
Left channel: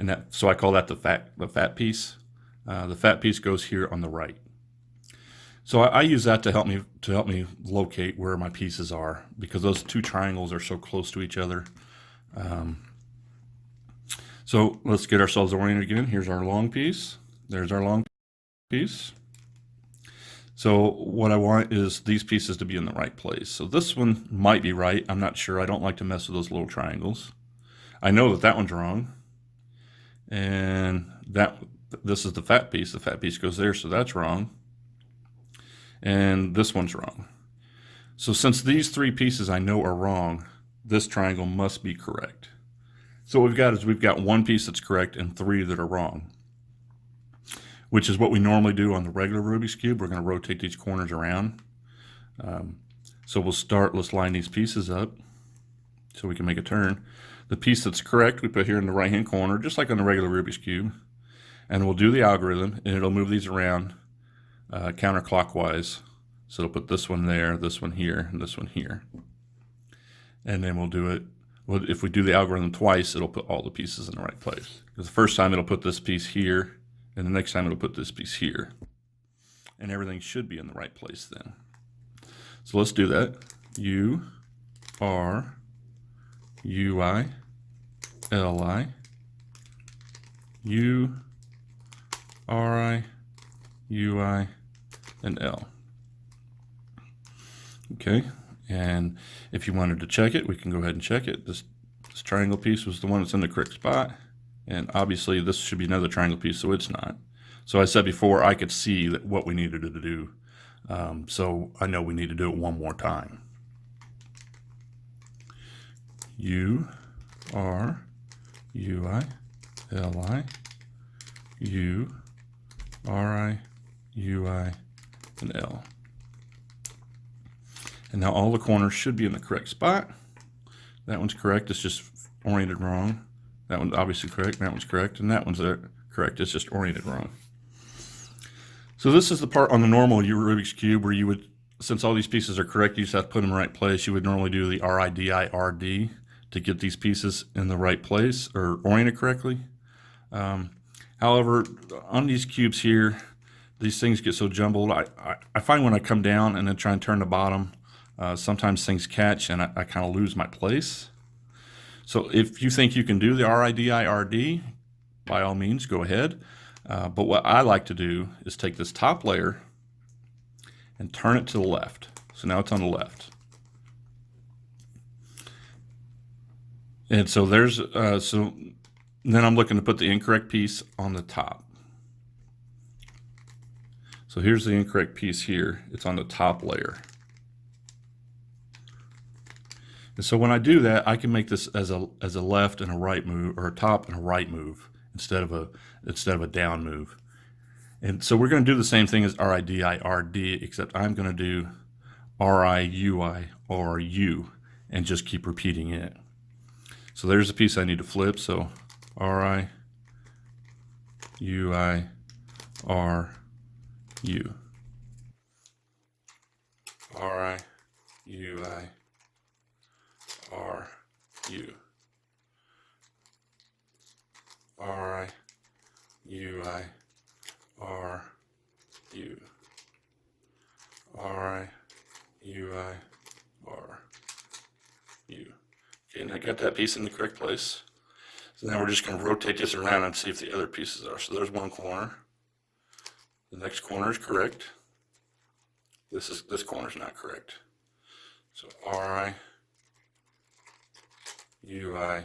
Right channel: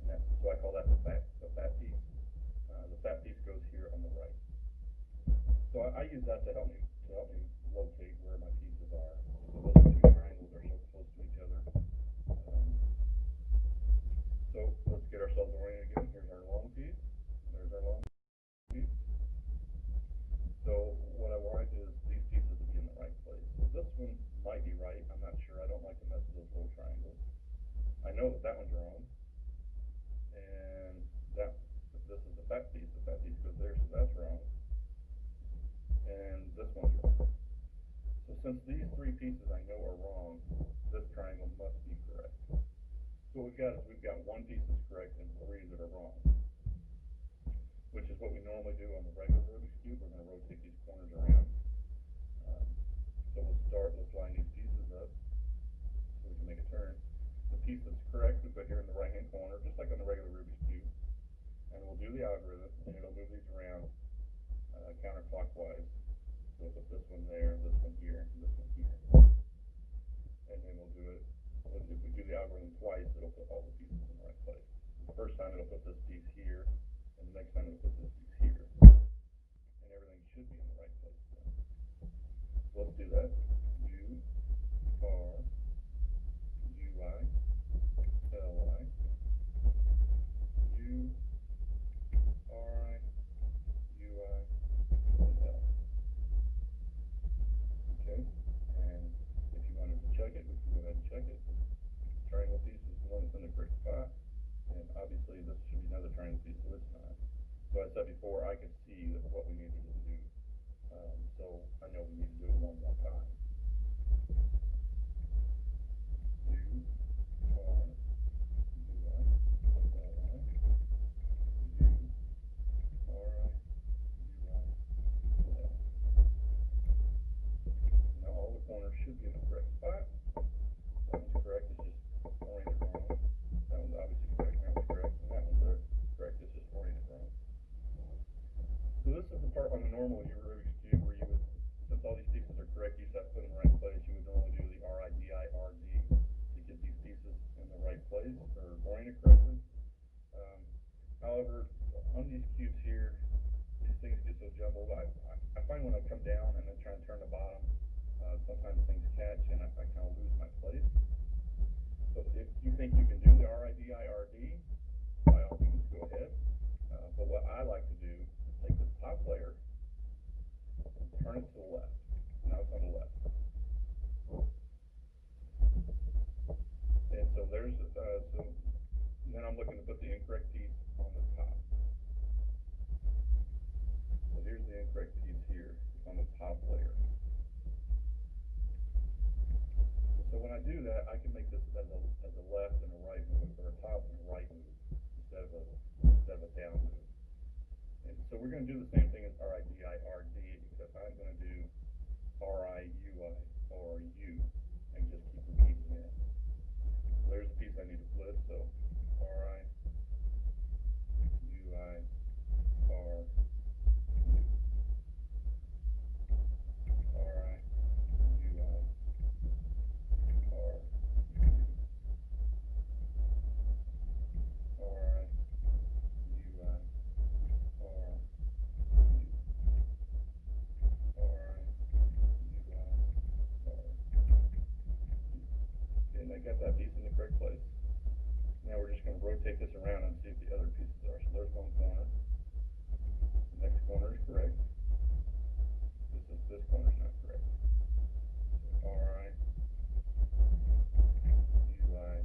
and so I call that the fat piece. The fat piece goes here on the right. So I use that to help me locate where my pieces are, because those two triangles are so close to each other. So let's get ourselves oriented again. Here's our long piece. There's our long piece. So what I want is these pieces to be in the right place. So this one might be right. I'm not sure. I don't like to mess with those little triangles. I know that one's wrong. And this is the fat piece. The fat piece goes there, so that's wrong. And this one's wrong. So since these three pieces I know are wrong, this triangle must be correct. So what we've got one piece that's correct and three that are wrong, which is what we normally do on the regular Rubik's Cube. We're going to rotate these corners around. So let's line these pieces up so we can make a turn. The piece that's correct we put here in the right hand corner, just like on the regular Rubik's Cube, and we'll do the algorithm, and it'll move these around counterclockwise. So it'll put this one there, this one here, and this one here. And then we'll do it. Well, if we do the algorithm twice, it'll put all the pieces in the right place. Because the first time it'll put this piece here, and the next time it'll put this piece here. And everything should be in the right place then. So let's do that. U, R, UI, LI, U, RI, UI, and L. Okay, and if you wanted to check it, we can go ahead and check it. This triangle piece was the one that's in the correct spot, and obviously this should be another triangle piece, so it's not. So I said before, I could see what we needed to do, so I know we need to do it one more time. U, R, UI, LI, U, RI, UI, and L. And now all the corners should be in the correct spot. That one's correct, it's just oriented wrong. That one's obviously correct, that one's correct, and that one's correct, it's just oriented wrong. So this is the part on the normal Rubik's Cube where you would, since all these pieces are correct, you just have to put them in the right place. You would normally do the RIDI-RD to get these pieces in the right place or oriented correctly. However, on these cubes here, these things get so jumbled. I find when I come down and then try and turn the bottom, sometimes things catch and I kind of lose my place. So if you think you can do the RIDI-RD, by all means, go ahead. But what I like to do is take this top layer and turn it to the left. So now it's on the left. And so there's, so then I'm looking to put the incorrect piece on the top. So here's the incorrect piece here. It's on the top layer. And so when I do that, I can make this as a left and a right move, or a top and a right move instead of a down move. And so we're going to do the same thing as RIDI-RD, except I'm going to do RI-UI or U and just keep repeating it. So there's the piece I need to flip. So RI, UI, R, U. RI, UI, R, U. RI, UI, R, U. RI, UI, R, U. Okay, and I got that piece in the correct place. So now we're just going to rotate this around and see if the other pieces are. So there's one corner. The next corner is correct. This corner is not correct. So RI, UI,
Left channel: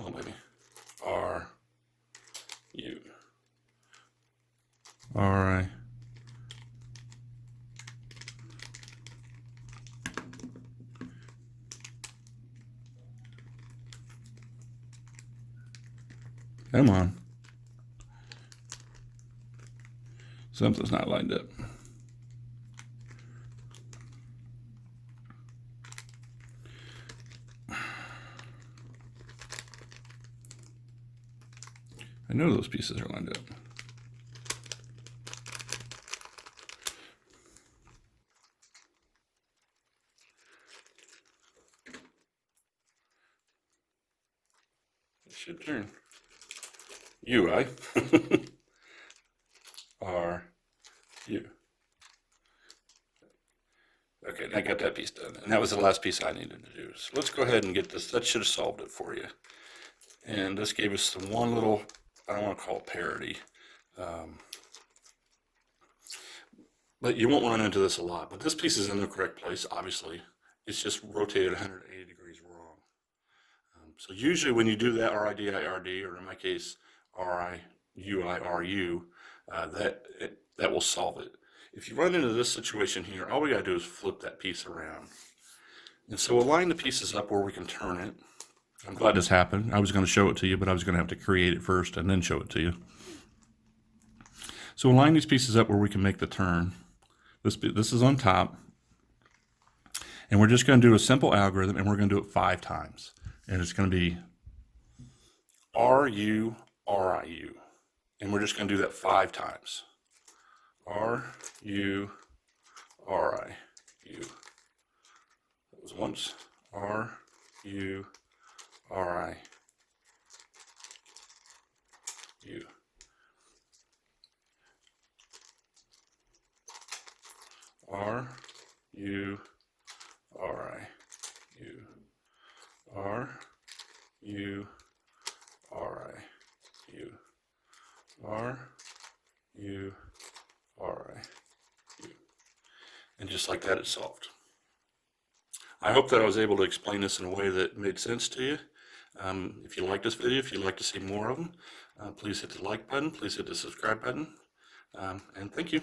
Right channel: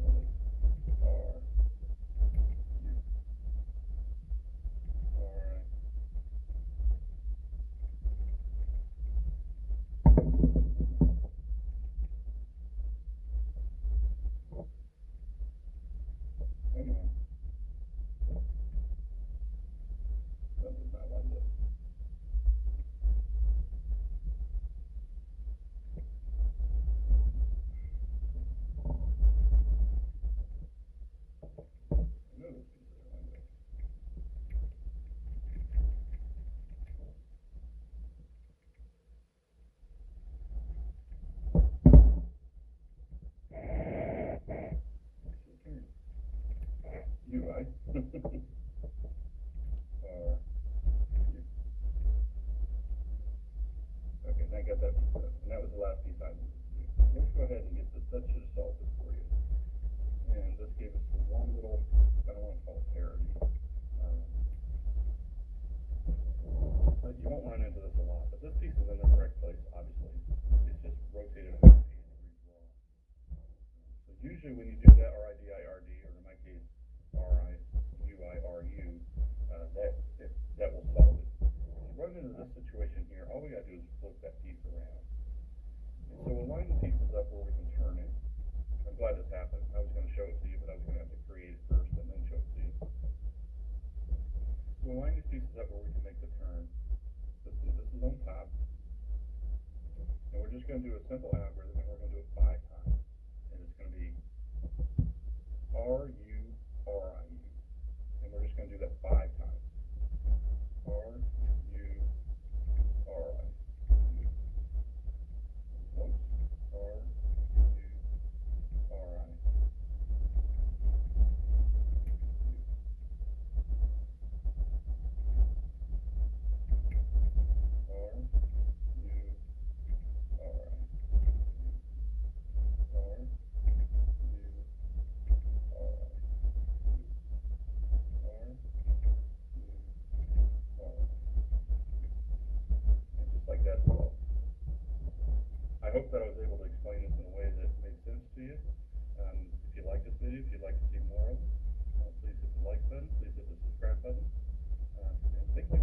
oh maybe R, U, RI, come on. Something's not lined up. I know those pieces are lined up. Should turn. UI. R, U. Okay, I got that piece done. And that was the last piece I needed to do. So let's go ahead and get this. That should have solved it for you. And this gave us some one little, I don't want to call it parity. But you won't run into this a lot. But this piece is in the correct place, obviously. It's just rotated 180 degrees wrong. So usually when you do that RIDI-RD, or in my case, RI-UI-RU, that will solve it. If you run into this situation here, all we gotta do is flip that piece around. And so we'll line the pieces up where we can turn it. I'm glad this happened. I was gonna show it to you, but I was gonna have to create it first and then show it to you. So we'll line these pieces up where we can make the turn. This is on top. And we're just gonna do a simple algorithm, and we're gonna do it 5 times. And it's gonna be RU, RIU. And we're just going to do that 5 times. R, U, R, I, U. That was once. R, U, R, I, U. R, U, R, I, U. R, U, R, I, U. R, U, R, I, U. And just like that, it's solved. I hope that I was able to explain this in a way that made sense to you. If you like this video, if you'd like to see more of them, please hit the like button, please hit the subscribe button, and thank you.